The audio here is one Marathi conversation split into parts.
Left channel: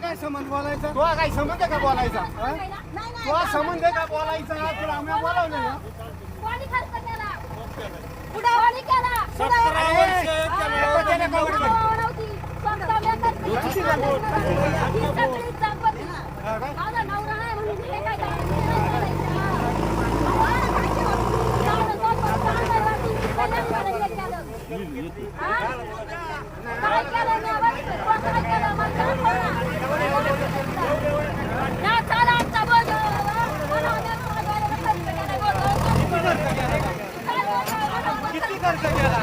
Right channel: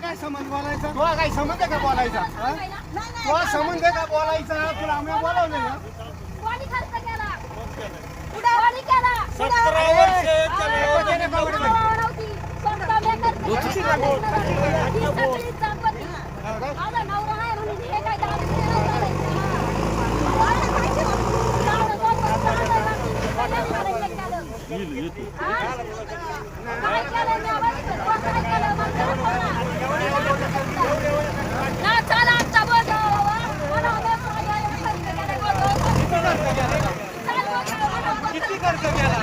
काय संबंध बोलायचा तुला काय संबंध का बोलायचा तुला संबंध का बोलायचा तुला आम्ही बोलावलं ना किती खर्च केला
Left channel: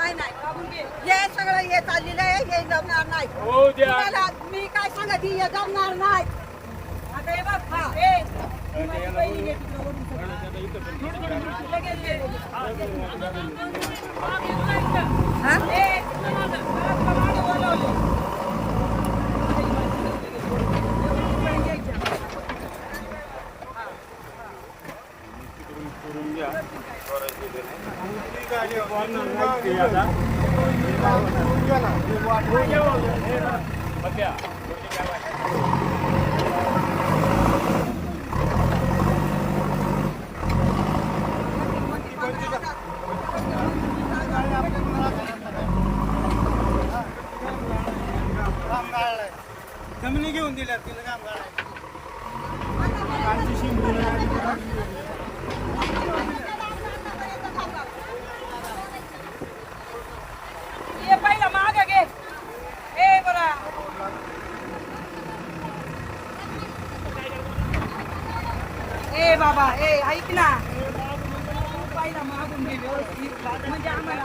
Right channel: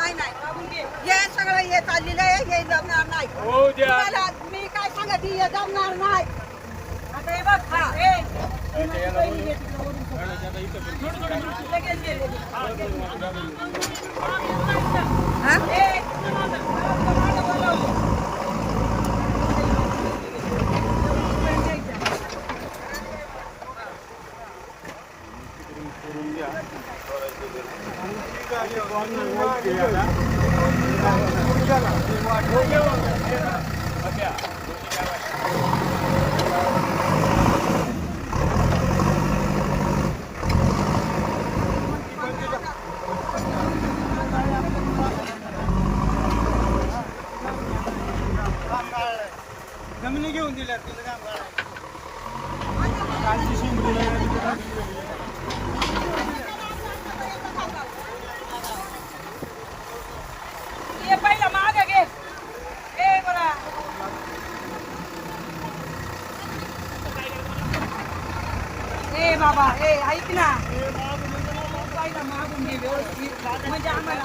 हे सगळं हे चाललेलं आहे हे जमणार नाही तुम्हाला मी काय सांगत हे जमणार नाही आता हे बघ ही माझी बहीण आहे तिकडं वरून लगेच दे जमिनी घेऊन दिल्या तिला काम ये पहिला मागे घे ए बरं ए बाबा ए ऐक ना पहिला मागून घे व्यवस्थित म्हणजे आम्हाला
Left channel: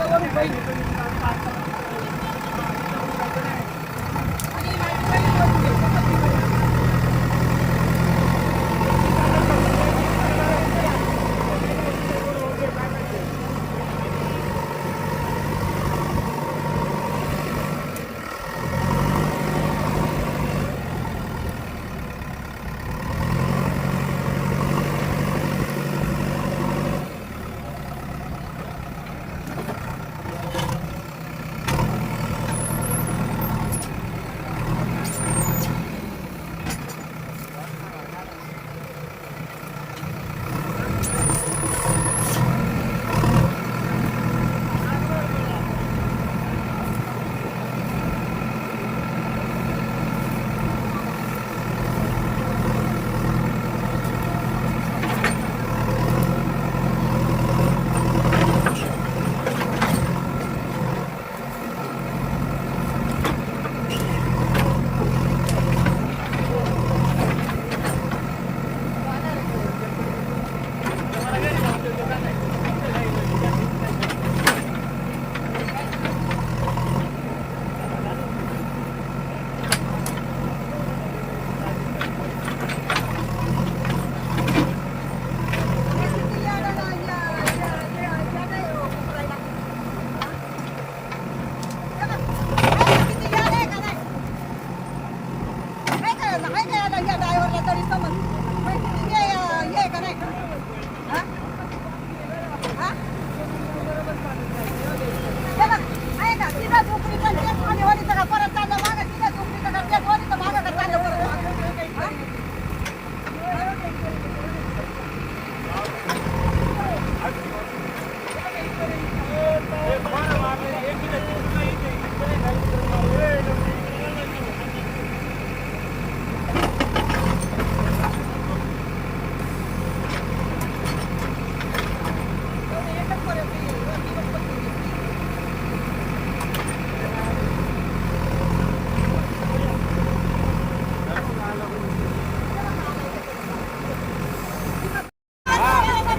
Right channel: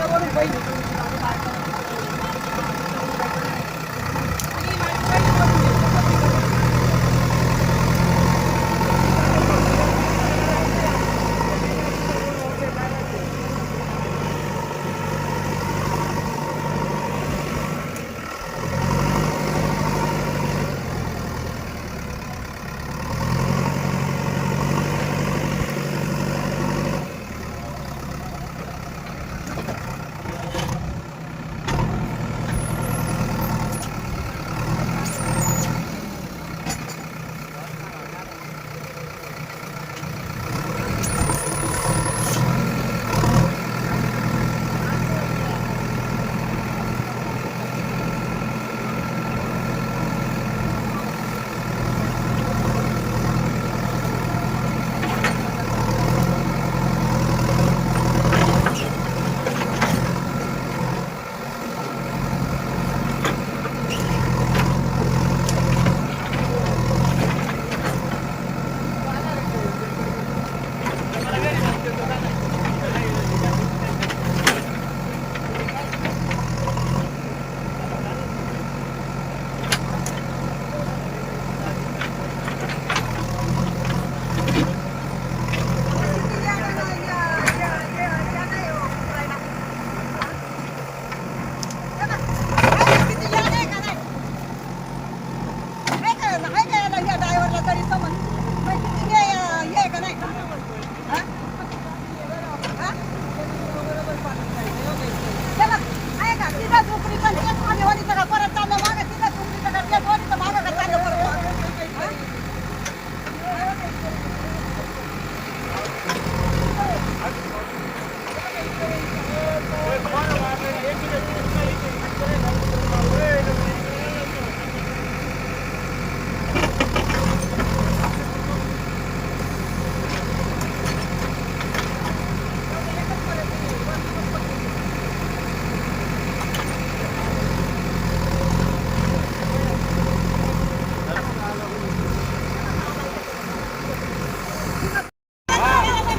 वरून पहिली आणि माझी पहिली वरून घे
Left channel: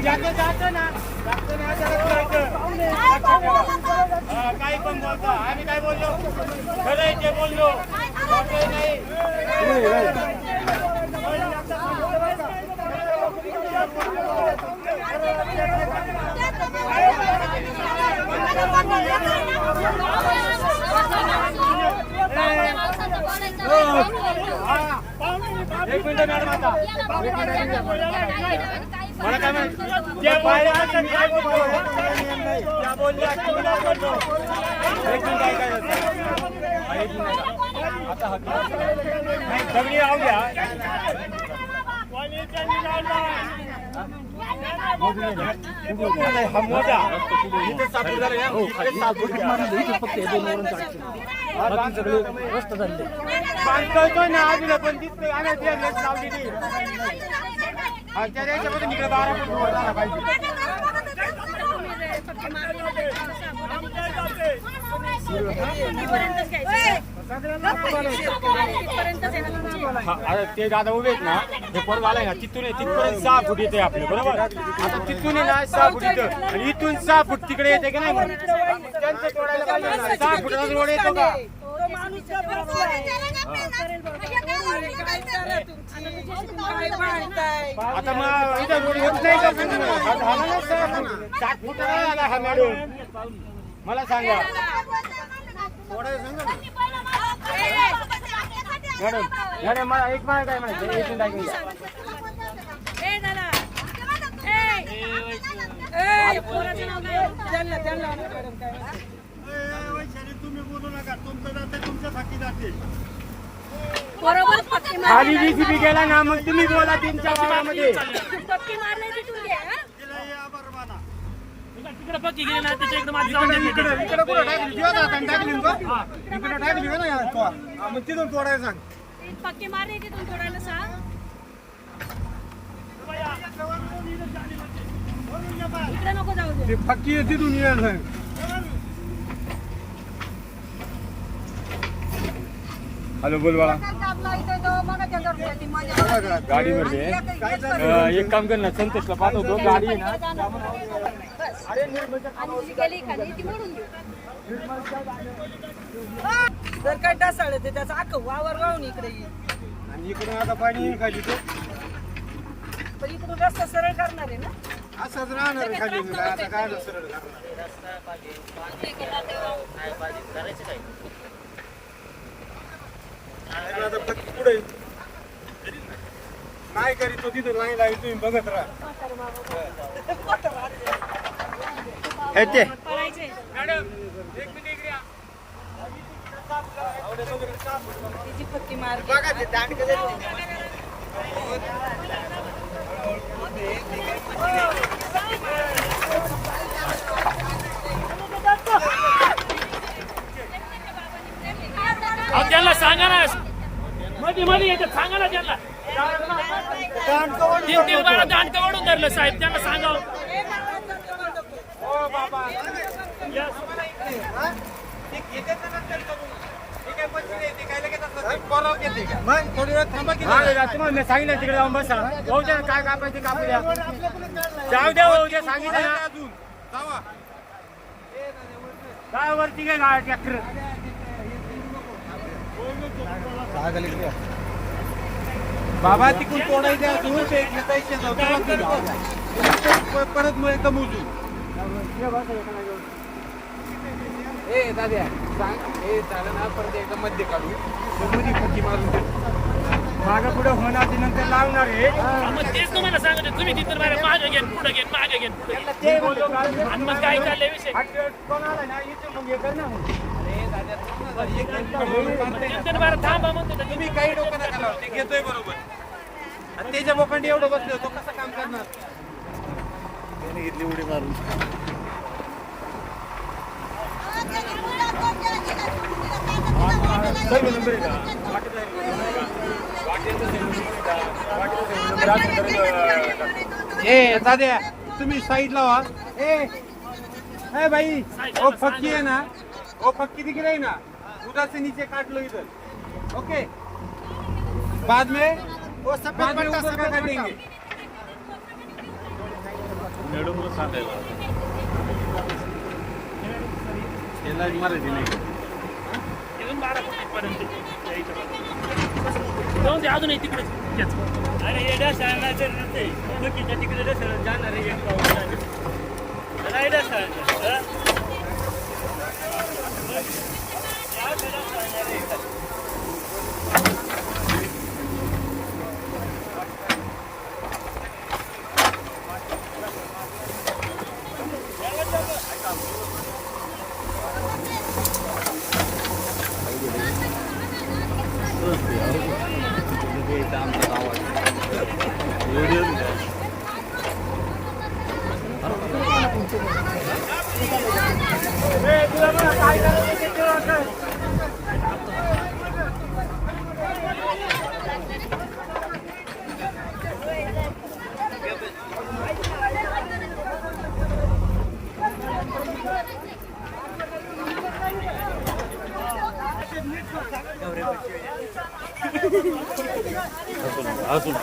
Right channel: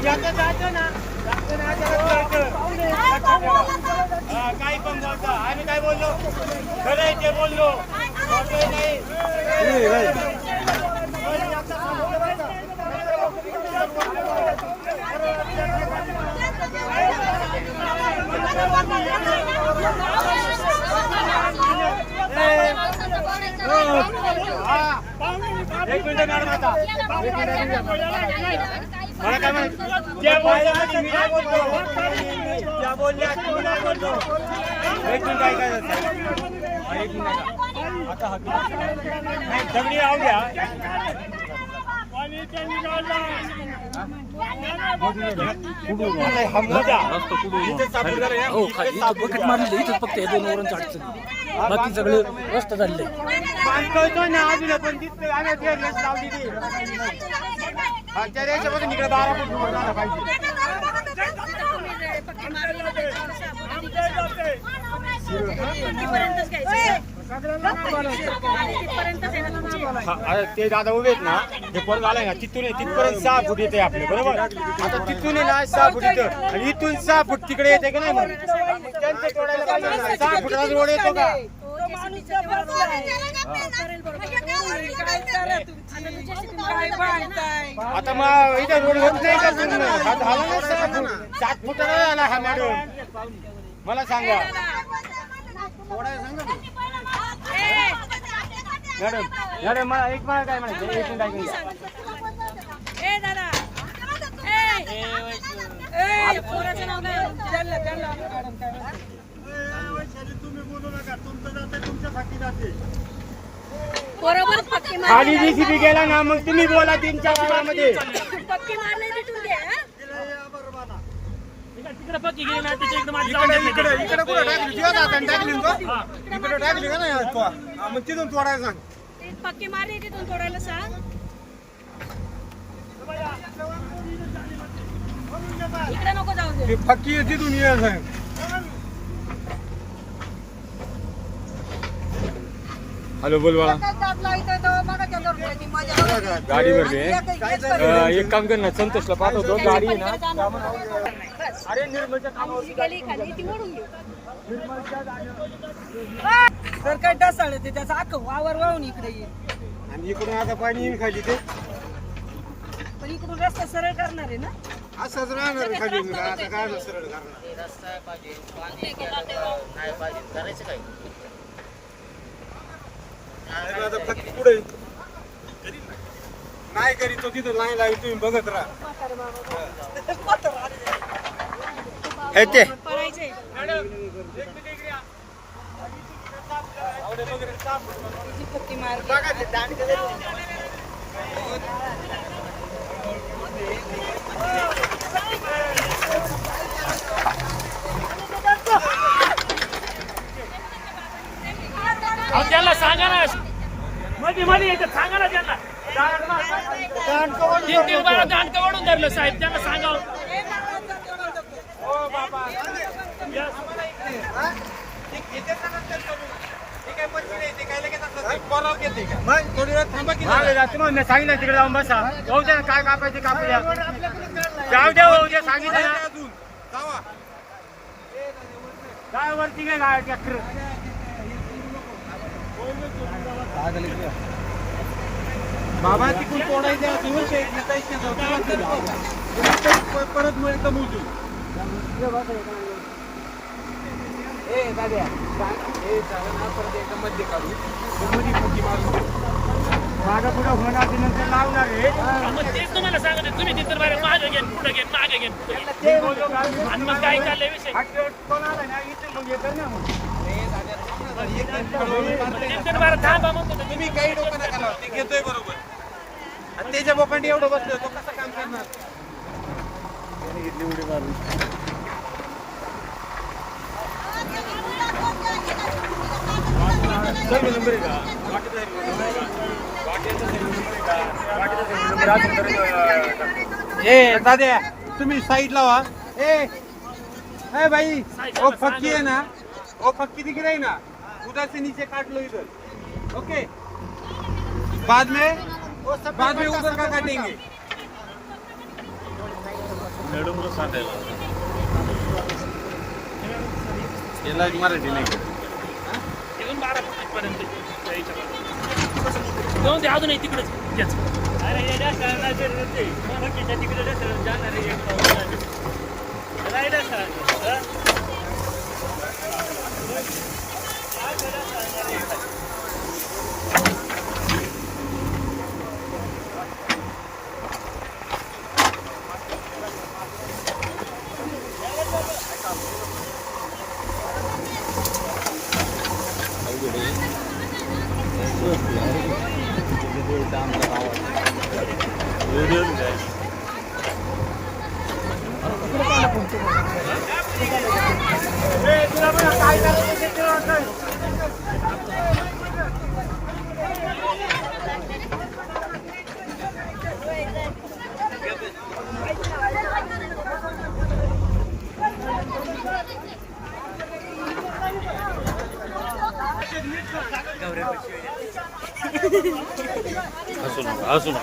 ज्याचं जातं ना त्याला कळतं. लक्षात ठेवा. हा, काही पण बोलता आम्ही काय बोललो खरं आहे ते बोललो खोटंही नाही. एक मिनिट मॅडम आता मला काय म्हणत त्या बोलल्या मी काय बोलतो त्या बोलल्या की मी नाही बोलतो. एक मिनिट काय काय एक मिनिट आता हक्की नाही दगडी राहू द्या. इथे सापूर झालं या इथे सापूर बांधतो ना अजून पण दिसतोय आम्ही रेट लावली ती त्या देशामधून इकडे 12 फूट झाला पाहिजे. ते दादा उभे आहेत ना हे परत आलाय ना तिथून तिथपर्यंत 6 फूट येते आपले बरोबर. आता तिथून आहे ना 6 फूट इथं आणि इथून 6 फूट तिकडे येते की नाही मग त्यांचं तोडायला पाहिजे ना. 6 फुटाचा रोड येतो का आता मग इथे रोड होत नाही का झाला ना 6 फूट 7 फूट आला हा मॅडम मला सांगा मॅडम मॅडम मला एक मला काय म्हणायचं एक मिनिट ऐकून घ्या. तुम्ही बोलू नका तुमचं जाते तुमच्यासाठी जाते बरोबर पक्की खाली जीसीबी गेला ना मग तुम्ही बोला तुमच्या वावरामध्ये पक्की मारले तिथून दे इकडे टाकली का नाही मग तिथून तोडायला सांग. पक्की मारले तिथून तोडायला सांग. इकडे नको जाऊ दे. पक्की तिथून यायला सांग. हॅलो बोल बाळा गाडी भरली एक काम कर ना संतोषला पाठवतो गाडी आहे ना गेली खाली ती मोडून घेऊ. जर काय ढासाळ ते त्याचा अख्खं वावर वाहून इकडे येईल आणि इकडून आता पाणी येईल खाली ते पण इकडून रस्ता सरळ करणार आहे ना. असंच राहणार खाली आता काय सरळ करणार. आता पक्की पुढे नाही करी तो तिथं नाही लागली तुम्ही बघत राहा. पळायचंय. तिची पक्की मार त्यांना सांगा ना मध्ये मध्ये येतात सांगा ना त्यांना दांडका वाढून धरलं साहेब त्यांना सांगा. तुम्हाला सांगितलं तिकडे जाऊन बसा भाऊ द्या काय कापायचे कापू द्या जाऊ द्या भाऊ द्या सांगितलं ना अजून काय वरती घे ट्रॅक्टर बाबा तिकडून तोडायचे परत मुळे कमवू दाद्या झालं ना परत एकदा मध्ये काढू मध्ये फुटी मारून मागा पुढे होणार नंतर लावणार आहे. तेच तुम्हाला सांगतो तुम्ही तिथं मागे घेऊन पुढे घेऊन मागे घेऊन पुढे घेऊन आणि मग काय चाललंय विषय कोण आला ना इथे मग हे कर ना थांबा म्हणतो तुम्ही काही लोकांना घेतोय बरोबर आणि त्याच्या बोकांडी एवढं बसलं तो कसं काम करणार. घेतली उडी मारून तुम्ही साइड लावा ए भाई वो फक्की है ना वो फक्की दिख रही ना उधर से नीचे काट लो इधर ओके बाद में उधर का काटेंगे मराठी नाही इथून 12 फूट इथपर्यंत जाऊन दे अजून तिकडेच अरे येड्या सणाचं नव्हते मग तिकडे जाणार आहे एक पाऊस झाले बघा येड्या सण अजून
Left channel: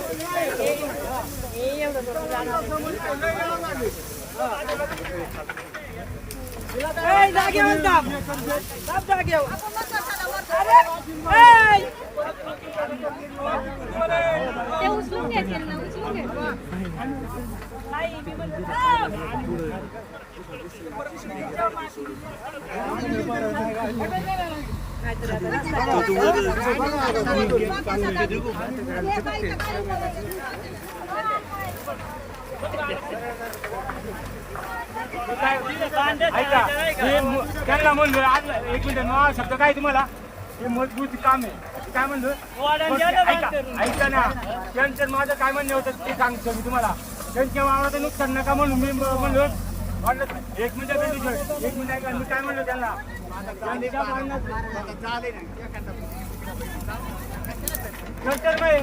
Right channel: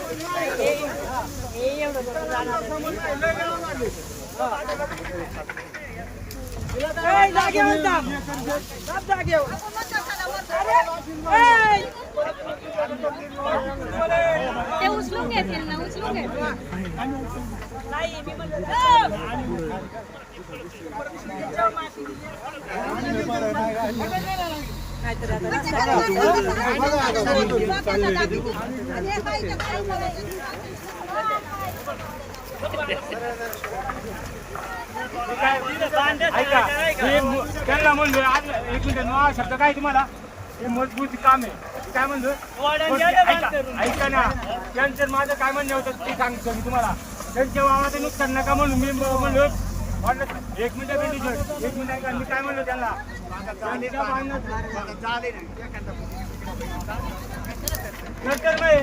ते उचलून घे त्यांना उचलून घे ऐका त्यांना म्हणलो एक मिनिट नाव शब्द काय तुम्हाला हे मजबूत काम आहे काय म्हणलं ऐका ना त्यांचं माझं काय म्हणणं होतं ते सांगतो मी तुम्हाला त्यांच्या वावराचं नुकसान नका म्हणून मी म्हणलो एक मिनिट एक मिनिट ऐका मी काय म्हणलो त्यांना चर्चर नाही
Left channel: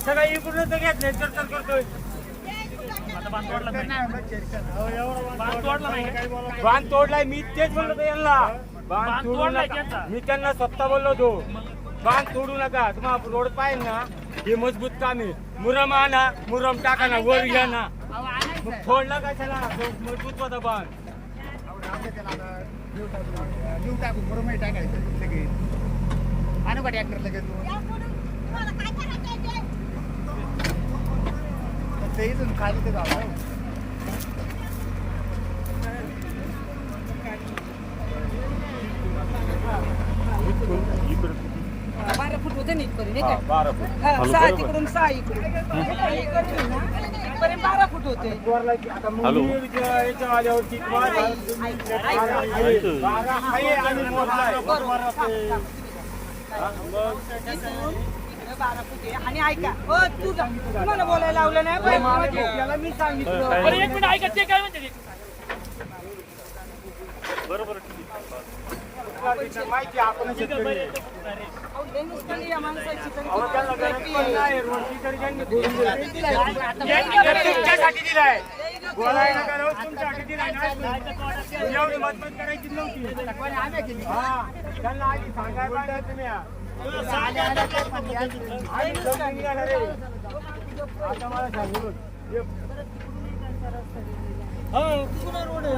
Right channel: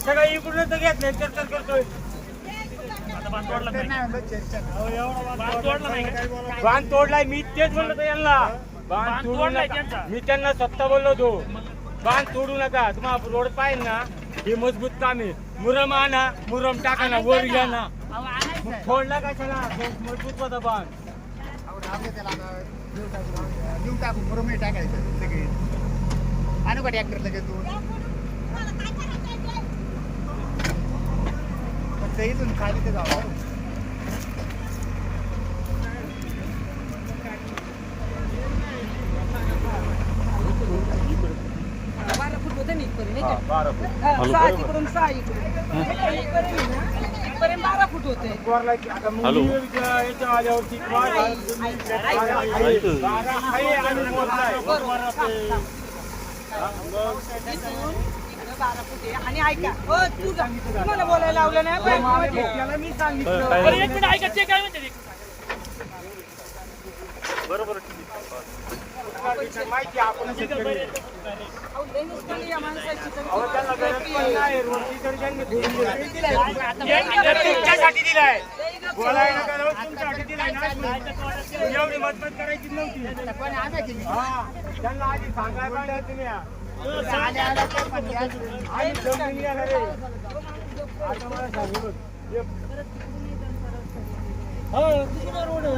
सगळं इकडून तर घेत नाही चर्चर करतोय बांध तोडलाय मी तेच म्हणलो होतो यांना बांध तोडलाय मी त्यांना स्वतः बोललो होतो बांध तोडू नका तुम्हाला रोड पाहिजे ना हे मजबूत काम आहे मुरम आणा मुरम टाका ना वर घ्या ना फोडला काय सगळा मजबूत होता बांध आणू का ट्रॅक्टर लगेच फक्त इथून खाली ते जाऊ तिकडून 6 इकडून 12 फूट होते आता मुली याच्या आल्यावरती 12 आहे आणि मोजलाय आणि ऐका हो तू तुम्हाला बोलायला लावलं नाही त्याला मी सांगितलं बरं एक मिनिट ऐका ते काय म्हणते बरोबर माहिती आपण त्यांना गरज पण नाही रोडची तर त्यांनी तुमच्यासाठी दिलाय बोलायला गरज तुमच्यासाठी दिलाय ना एवढी मदत करायची नव्हती हा त्यांना आधी सांगायला पाहिजे तुम्ही आणि जमीन गेला रे आता मला सांगू रोड आहे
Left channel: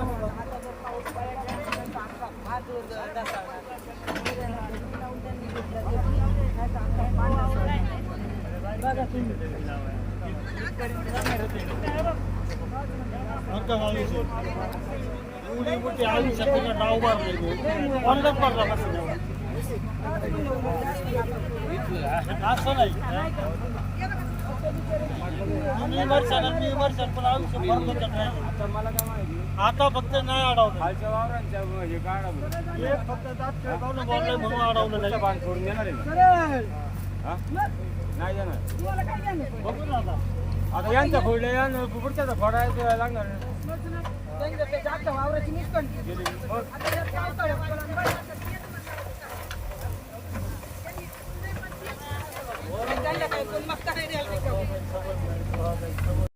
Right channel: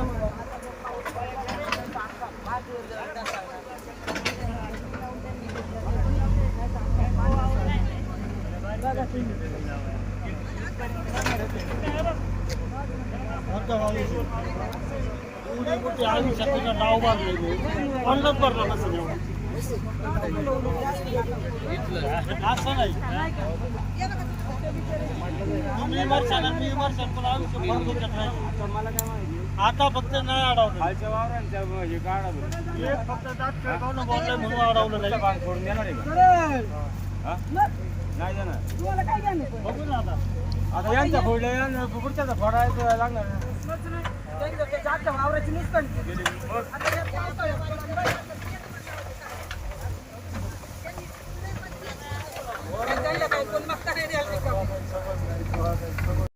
आता फक्त नाही अडवलं खालच्या वावरांच्या हे गाडा फक्त दात म्हणून अडवलं बांध फोडून देणार आहे का? नाही देणार तुम्हाला काय घ्यायला बघू ना आता आता यांचा फोडल्या पुढच्याचा फोडायचं लागणार ना. त्यांचं ते जास्त वावराची नुकसान केली. गेली. मग आता या पावसाळ्यात